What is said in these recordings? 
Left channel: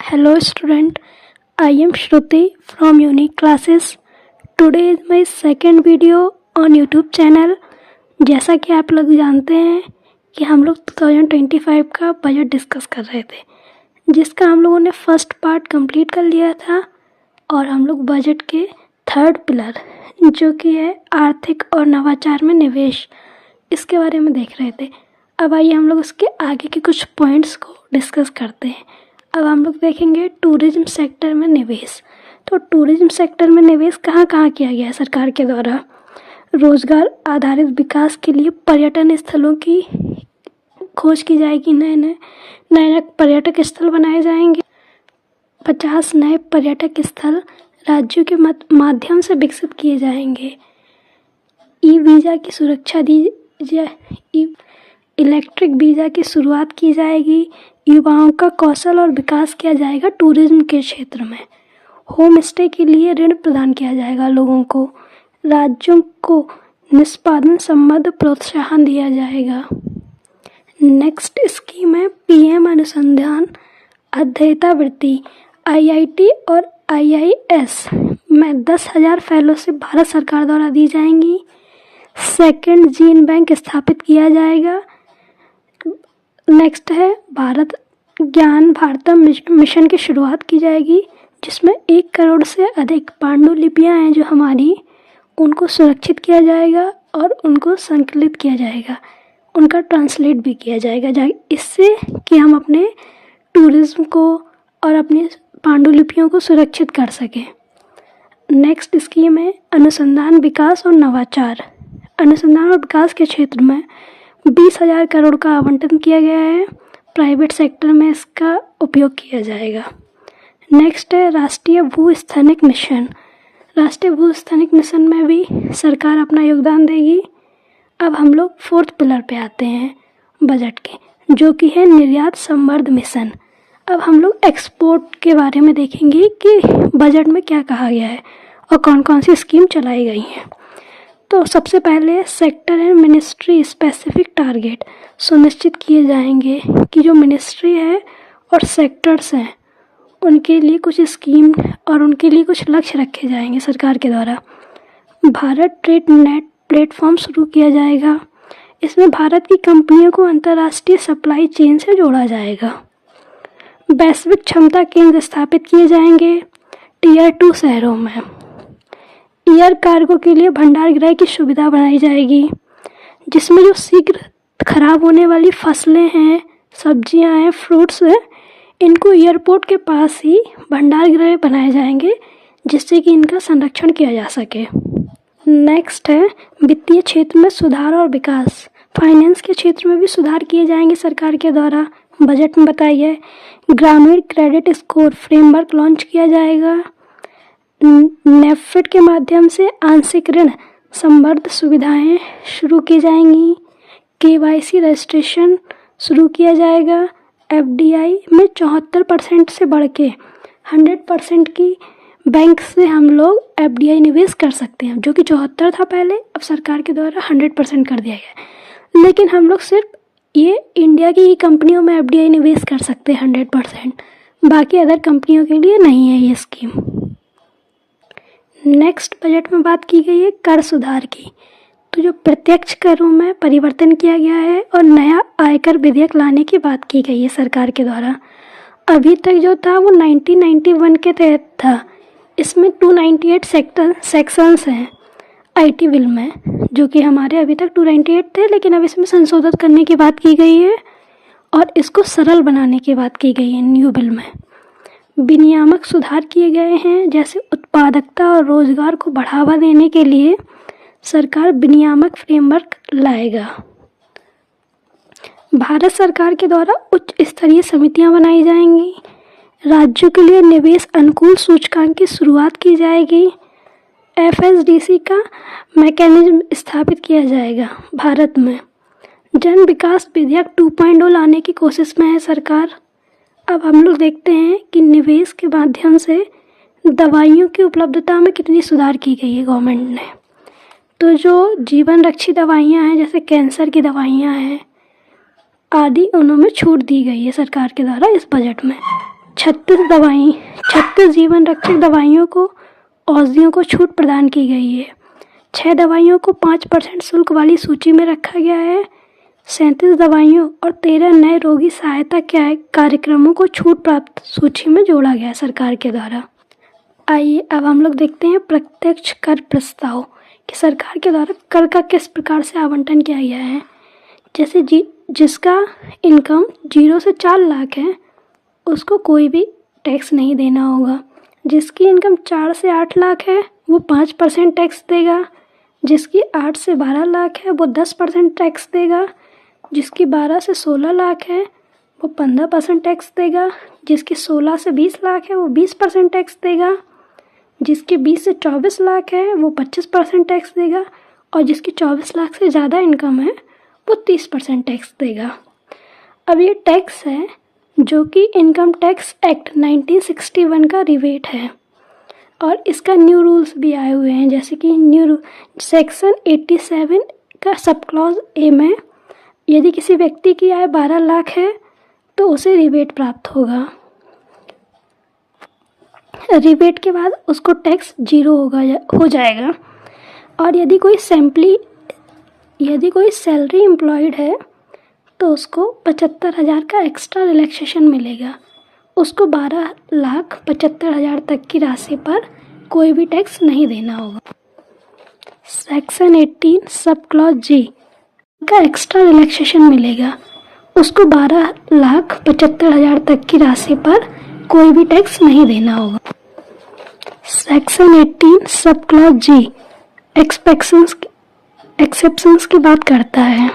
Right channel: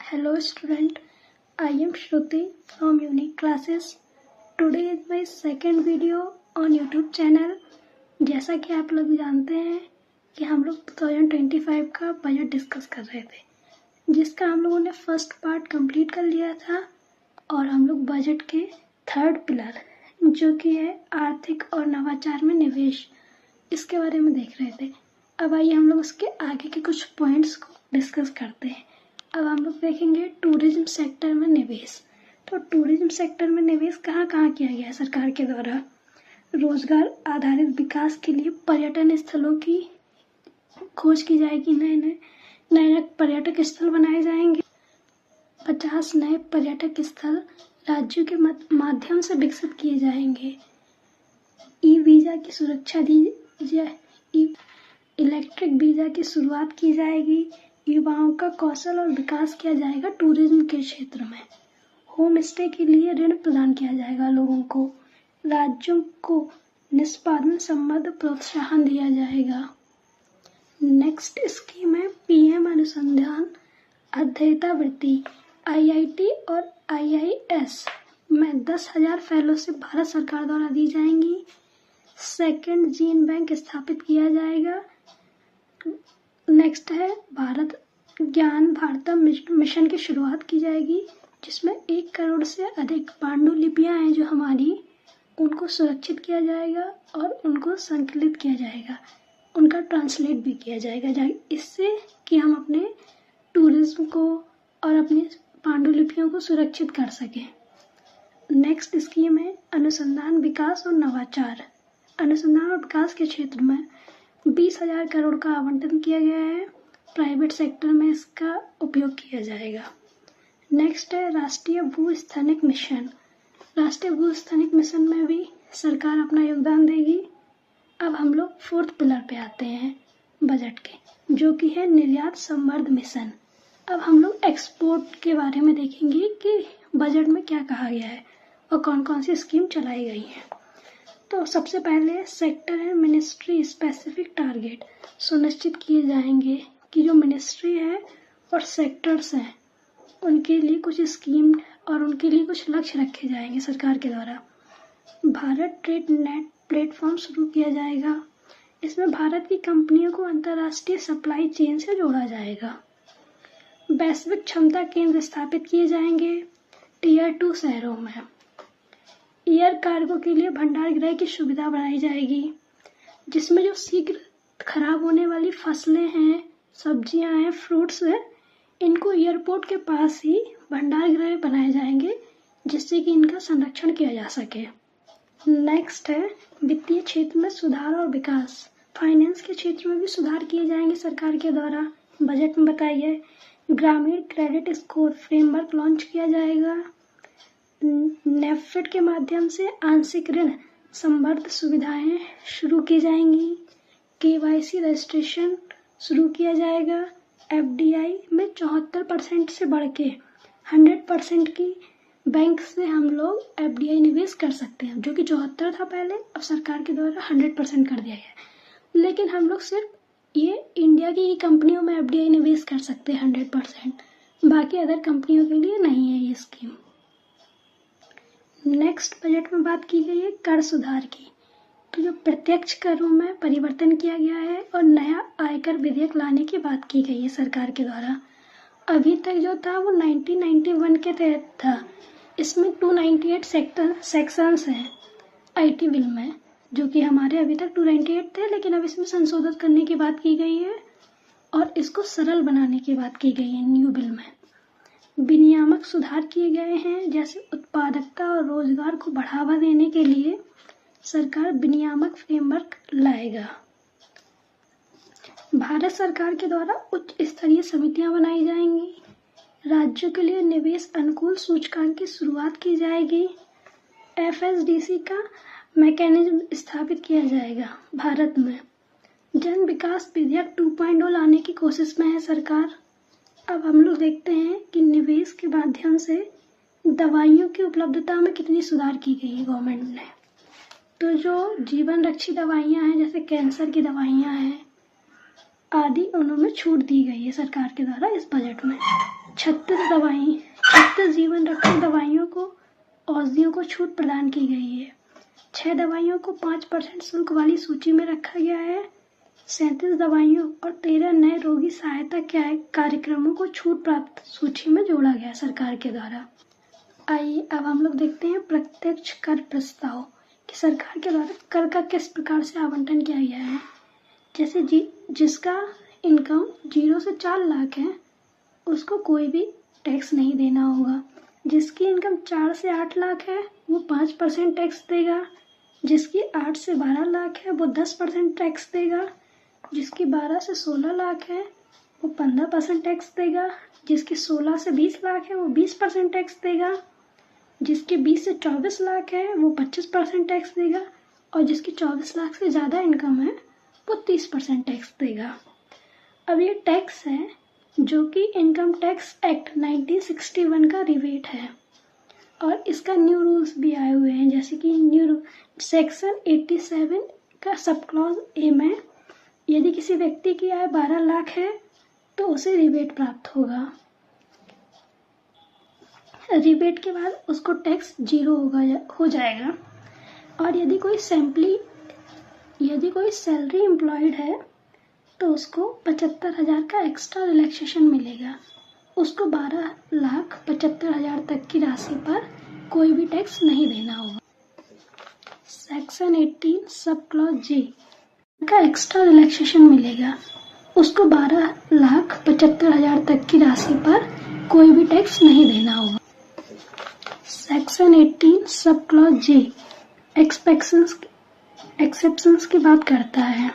Hello student, I am Shruti from Unique Classes. Today is my second video on YouTube channel. जैसा कि आप लोग जानते हैं कि हम लोग 2025 का बजट डिस्कस कर रहे थे, जिसका हम लोगों ने फर्स्ट पार्ट कंप्लीट कर लिया था और हम लोग बजट के थर्ड पिलर जो कि है आर्थिक और नवाचार में निवेश, इसके बारे में देख रहे थे। अब आइए हम लोग उसके आगे के कुछ पॉइंट्स को डिस्कस करते हैं। अब हम लोग देखेंगे टूरिज्म सेक्टर में निवेश। तो टूरिज्म सेक्टर में निवेश कहाँ कहाँ किया गया है सरकार के द्वारा। रोजगार आधारित विकास के लिए पर्यटन स्थलों की खोज की जाएगी, नए पर्यटक स्थल बनाए जाएंगे। 50 नए पर्यटक स्थल राज्यों के माध्यम से विकसित किए जाएंगे। ई वीज़ा की सुरक्षा दी जाए, इलेक्ट्रिक वीज़ा की शुरुआत की जाएगी। युवाओं का कौशल और विकास किया जाएगा टूरिज्म के क्षेत्र में। होम स्टे के लिए ऋण प्रदान किया जाएगा लोगों को। राज्यों को निष्पादन संबंध प्रोत्साहन दिया जाएगा। नेक्स्ट स्कीम है पीएम अनुसंधान अध्येता वृत्ति। आईआईटी और आईआईएस में 10,000 फेलोशिप भारत सरकार द्वारा दी जाएंगी। सेकंड जीन बैंक स्थापित किया जाएगा। नेक्स्ट है भारत ज्ञान भारतम मिशन की शुरुआत की जाएगी, जिसमें 1 करोड़ से अधिक पांडुलिपियाँ हैं जो हमारी, उनको सुरक्षित किया जाएगा और उनको संकलित किया जाएगा, उनका ट्रांसलेट भी किया जाएगा, इससे कि हम अपने टूरिज्म को और अपनी पांडुलिपियों को सुरक्षित कर सकें। नेक्स्ट स्कीम है अनुसंधान विकास और नवाचार। अनुसंधान और विकास के क्षेत्र में 20,000 करोड़ का आवंटन किया गया है। प्राइवेट सेक्टर में इसका उपयोग किया जाएगा। नेक्स्ट है राष्ट्रीय भूस्थैनिक मिशन। राष्ट्रीय भूस्थैनिक मिशन में भी सरकार अपना योगदान देगी। अब हम लोग फोर्थ पिलर पे आते हैं बजट के, जो कि है निर्यात संवर्ध मिशन। अब हम लोग एक्सपोर्ट के बारे में देखेंगे कि बजट में क्या कहा गया है और कौन कौन सी स्कीम चलाई गई हैं। तो सबसे पहले sector and ministry specific target सुनिश्चित किए जाएंगे कि जो मिनिस्ट्री है और सेक्टर्स हैं उनके लिए कुछ स्कीम और उनके लिए कुछ लक्ष्य रखे जाएंगे सरकार के द्वारा। भारत ट्रेड नेट प्लेटफॉर्म शुरू किया जाएगा। इसमें भारत की कंपनियों को अंतर्राष्ट्रीय सप्लाई चेन से जोड़ा जाएगा। वैश्विक क्षमता केंद्र स्थापित किए जाएंगे टियर 2 शहरों में। एयर कार्गो के लिए भंडार गृह की सुविधा बनाई जाएगी, जिसमें जो शीघ्र खराब होने वाली फसलें हैं, सब्जियां हैं, फ्रूट्स हैं, इनको एयरपोर्ट के पास ही भंडार गृह बनाए जाएंगे, जिससे कि इनका संरक्षण किया जा सके। नेक्स्ट है वित्तीय क्षेत्र में सुधार और विकास। फाइनेंस के क्षेत्र में भी सुधार किए जाएंगे सरकार के द्वारा। बजट में बताइए है ग्रामीण क्रेडिट स्कोर फ्रेमवर्क लॉन्च किया जाएगा। नेफेड के माध्यम से आंशिक ऋण संवर्ध सुविधाएं शुरू की जाएंगी। केवाईसी रजिस्ट्रेशन शुरू किया जाएगा। एफडीआई में 74% से बढ़ के 100% की बैंक से हम लोग एफडीआई निवेश कर सकते हैं, जो कि 74 था पहले, अब सरकार के द्वारा 100% कर दिया गया। लेकिन हम लोग सिर्फ ये इंडिया की ही कंपनियों में एफडीआई निवेश कर सकते हैं 100%, बाकी अदर कंपनियों के लिए नहीं है ये स्कीम। नेक्स्ट बजट में बात की गई है कर सुधार की। तो जो प्रत्यक्ष करों में परिवर्तन किया गया है और नया आयकर विधेयक लाने की बात की गई है सरकार के द्वारा। अभी तक जो था वो 1991 के तहत था। इसमें 298 सेक्शंस हैं आईटी बिल में, जो कि हमारे अभी तक 298 थे, लेकिन अब इसमें संशोधित करने की बात की गई है और इसको सरल बनाने की बात की गई है न्यू बिल में। विनियामक सुधार किए गए हैं, जैसे उत्पादकता और रोजगार को बढ़ावा देने के लिए सरकार विनियामक फ्रेमवर्क लाएगा। भारत सरकार के द्वारा उच्च स्तरीय समितियां बनाई जाएंगी। राज्यों के लिए निवेश अनुकूल सूचकांक की शुरुआत की जाएगी। एफएसडीसी का मैकेनिज्म स्थापित किया जाएगा भारत में। जन विकास विधेयक 2.0 लाने की कोशिश में है सरकार। अब हम लोग देखते हैं कि निवेश के माध्यम से दवाइयों की उपलब्धता में कितनी सुधार की गई है गवर्नमेंट ने। तो जो जीवन रक्षी दवाइयाँ हैं, जैसे कैंसर की दवाइयाँ हैं आदि, उनमें छूट दी गई है सरकार के द्वारा इस बजट में। 36 जीवन रक्षक दवाइयों को औषधियों को छूट प्रदान की गई है। 6 दवाइयों को 5% शुल्क वाली सूची में रखा गया है। 37 दवाइयों और 13 नए रोगी सहायता कार्यक्रमों को छूट प्राप्त सूची में जोड़ा गया सरकार के द्वारा। आइए अब हम लोग देखते हैं प्रत्यक्ष कर प्रस्ताव कि सरकार के द्वारा कर का किस प्रकार से आवंटन किया गया है। जैसे जिसका इनकम 0 से 4 लाख है उसको कोई भी टैक्स नहीं देना होगा। जिसकी इनकम 4 से 8 लाख है वो 5% टैक्स देगा। जिसकी 8 से 12 लाख है वो 10% टैक्स देगा। जिसकी 12 से 16 लाख है वो 15% टैक्स देगा। जिसकी 16 से 20 लाख है वो 20% टैक्स देगा। जिसकी 20 से 24 लाख है वो 25% टैक्स देगा। और जिसकी 24 लाख से ज़्यादा इनकम है वो 30% टैक्स देगा। अब ये टैक्स है जो कि इनकम टैक्स एक्ट 1961 का रिवेट है और इसका न्यू रूल्स भी आए हुए हैं। जैसे कि सेक्शन 87 का सब क्लॉज ए में यदि किसी व्यक्ति की आय 12 लाख है तो उसे रिबेट प्राप्त होगा। रिबेट के बाद उसको टैक्स 0 हो जाएगा। और यदि कोई सैलरी एम्प्लॉयड है तो उसको 75,000 का एक्स्ट्रा रिलैक्सेशन मिलेगा। उसको 12,75,000 तक की राशि पर कोई भी टैक्स नहीं देना होगा। सेक्शन 18 सब क्लॉज जी का एक्स्ट्रा रिलैक्सेशन मिलेगा। उसको 12,75,000 तक की राशि पर कोई भी टैक्स नहीं देना होगा। सेक्शन 18 सब क्लॉज जी एक्सेप्शंस की बात करता है।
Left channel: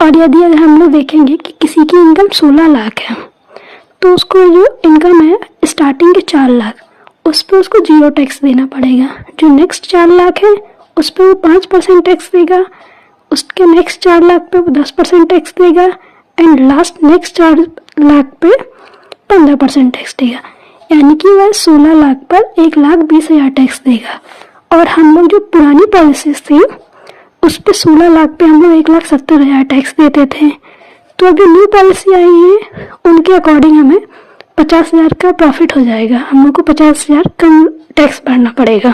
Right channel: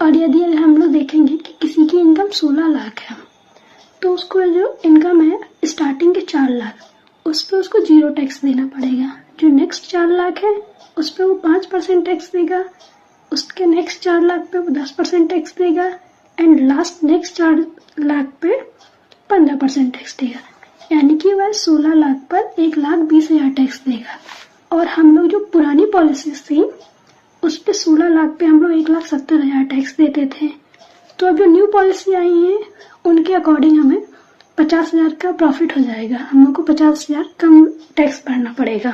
और यदि अगर हम लोग देखेंगे कि किसी की इनकम 16 लाख है तो उसको जो इनकम है स्टार्टिंग के 4 लाख उस पर उसको 0 टैक्स देना पड़ेगा। जो नेक्स्ट 4 लाख है उस पर वो 5% टैक्स देगा। उसके नेक्स्ट 4 लाख पे वो 10% टैक्स देगा एंड लास्ट नेक्स्ट 4 लाख पे 15% टैक्स देगा। यानी कि वह 16 लाख पर 1,20,000 टैक्स देगा। और हम लोग जो पुरानी पॉलिसीज थी उस पे 16 लाख पे हम लोग 1,70,000 टैक्स देते थे। तो अब जो न्यू पॉलिसी आई है उनके अकॉर्डिंग हमें 50,000 का प्रॉफिट हो जाएगा। हम लोग को 50,000 कम टैक्स भरना पड़ेगा।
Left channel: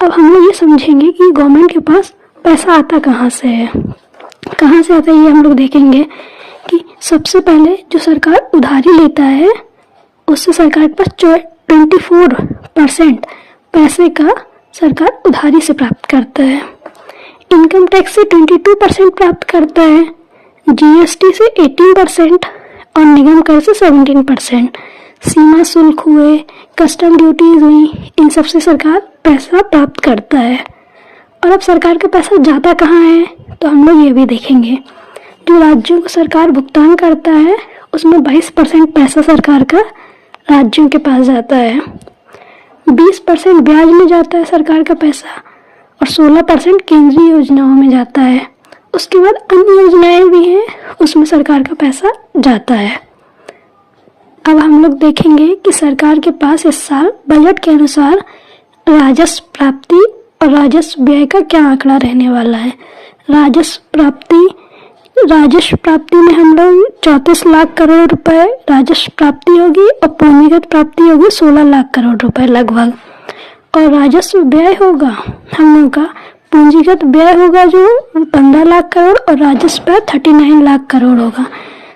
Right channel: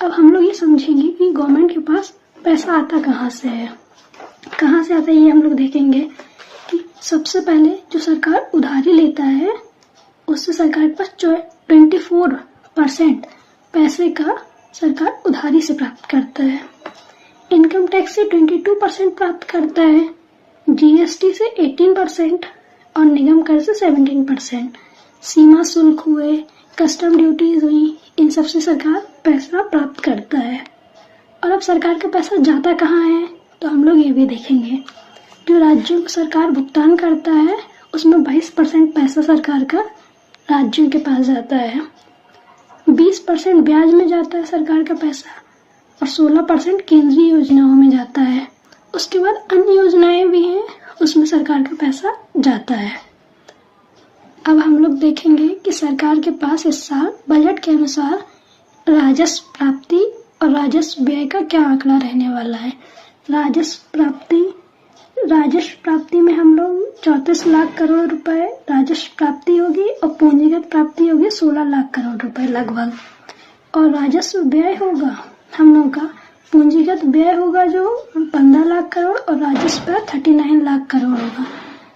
अब हम लोग ये समझेंगे कि गवर्नमेंट के पास पैसा आता कहाँ से है। कहाँ से आता है ये हम लोग देखेंगे कि सबसे पहले जो सरकार उधारी लेता है उससे सरकार के पास 24% पैसे का सरकार उधारी से प्राप्त करता है। इनकम टैक्स से 22% प्राप्त करता है। जीएसटी से 18% और निगम कर से 17%। सीमा शुल्क हुए, कस्टम ड्यूटीज हुई, इन सब से सरकार पैसा प्राप्त करता है। और अब सरकार का पैसा जाता कहाँ है तो हम लोग ये भी देखेंगे। जो राज्यों को सरकार भुगतान करता है उसमें 22% पैसा सरकार का राज्यों के पास जाता है। 20% ब्याज में जाता है सरकार का पैसा और 16% केंद्रीय योजनाओं में जाता है। उसके बाद अन्य योजनाएं भी हैं उसमें सरकार का पैसा जाता है। अब हम लोग देखेंगे कि सरकार के पास इस साल बजट के अनुसार राजस्व प्राप्ति और राजस्व व्यय का क्या आंकड़ा रहने वाला है। राजस्व प्राप्ति में हम लोग 34 लाख करोड़ रुपए राजस्व प्राप्ति होगी और पूंजीगत प्राप्ति होगी 16 लाख करोड़ रुपए लगभग। और राजस्व व्यय होगा हम लोग का पूंजीगत व्यय होगा जो 15 लाख करोड़ और राजस्व व्यय 39 लाख करोड़ होगा।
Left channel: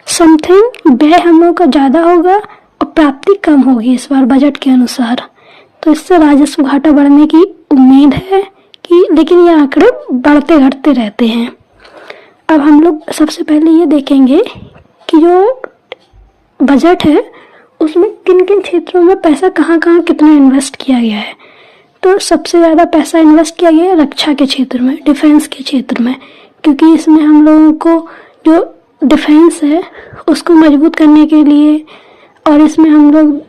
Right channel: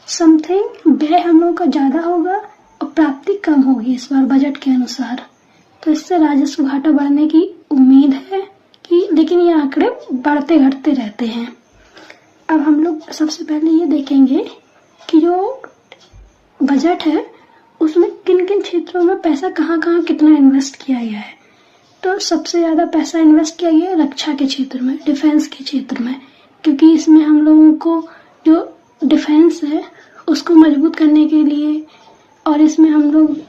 समथिंग व्यय हम लोग का ज़्यादा होगा और प्राप्ति कम होगी इस बार बजट के अनुसार। तो इससे राजस्व घाटा बढ़ने की उम्मीद है कि लेकिन ये आंकड़े बढ़ते घटते रहते हैं। अब हम लोग सबसे पहले ये देखेंगे कि जो बजट है उसमें किन किन क्षेत्रों में पैसा कहाँ कहाँ कितना इन्वेस्ट किया गया है। तो सबसे ज़्यादा पैसा इन्वेस्ट किया गया है रक्षा के क्षेत्र में, डिफेंस के क्षेत्र में, क्योंकि इसमें हम लोगों को जो डिफेंस है उसको मजबूत करने के लिए और इसमें हम लोग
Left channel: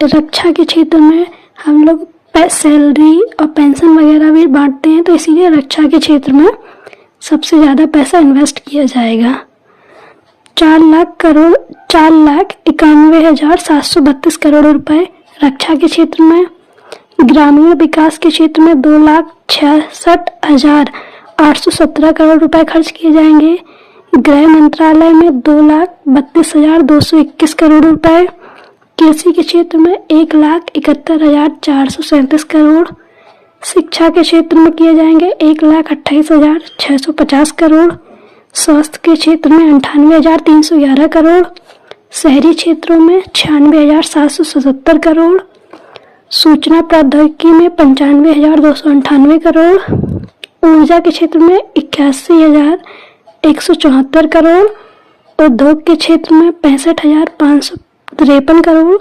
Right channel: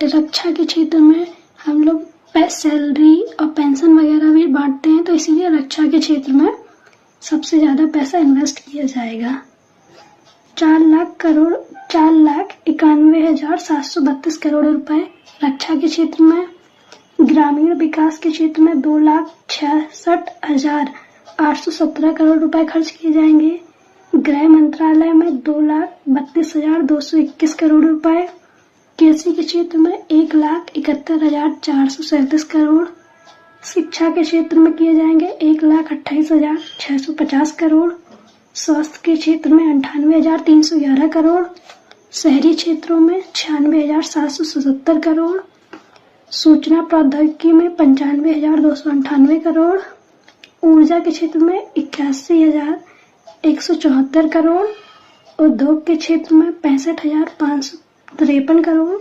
रक्षा के क्षेत्र में हम लोग सैलरी और पेंशन वगैरह भी बांटते हैं। तो इसीलिए रक्षा के क्षेत्र में सबसे ज़्यादा पैसा इन्वेस्ट किया जाएगा। 4,91,732 करोड़ रुपए रक्षा के क्षेत्र में। ग्रामीण विकास के क्षेत्र में 2,66,817 करोड़ रुपए खर्च किए जाएंगे। गृह मंत्रालय में 2,32,221 करोड़ रुपए। कृषि के क्षेत्र में 1,71,437 करोड़, शिक्षा के क्षेत्र में किए जाएंगे 1,28,650 करोड़, स्वास्थ्य के क्षेत्र में 98,311 करोड़, शहरी क्षेत्रों में 96,777 करोड़, सूचना प्रौद्योगिकी में 95,298 करोड़, ऊर्जा के क्षेत्र में 81,174 करोड़, उद्योग के क्षेत्र में 65,553 करोड़,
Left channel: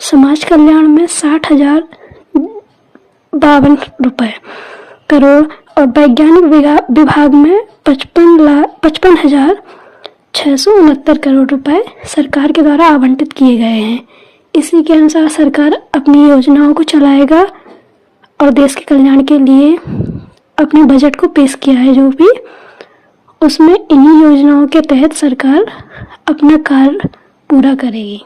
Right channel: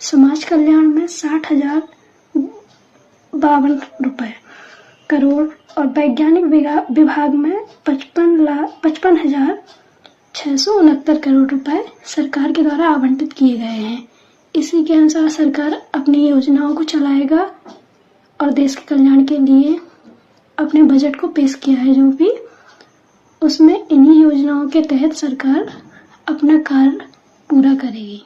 समाज कल्याण में 60,052 करोड़ और वैज्ञानिक विभाग में 55,669 करोड़ रुपए सरकार के द्वारा आवंटित किए गए हैं। इसी के अनुसार सरकार अपनी योजनाओं को चलाएगा और देश के कल्याण के लिए अपने बजट को पेश किया है। जो भी उसमें इन्हीं योजनाओं के तहत सरकार अपना कार्य पूरा करेगी।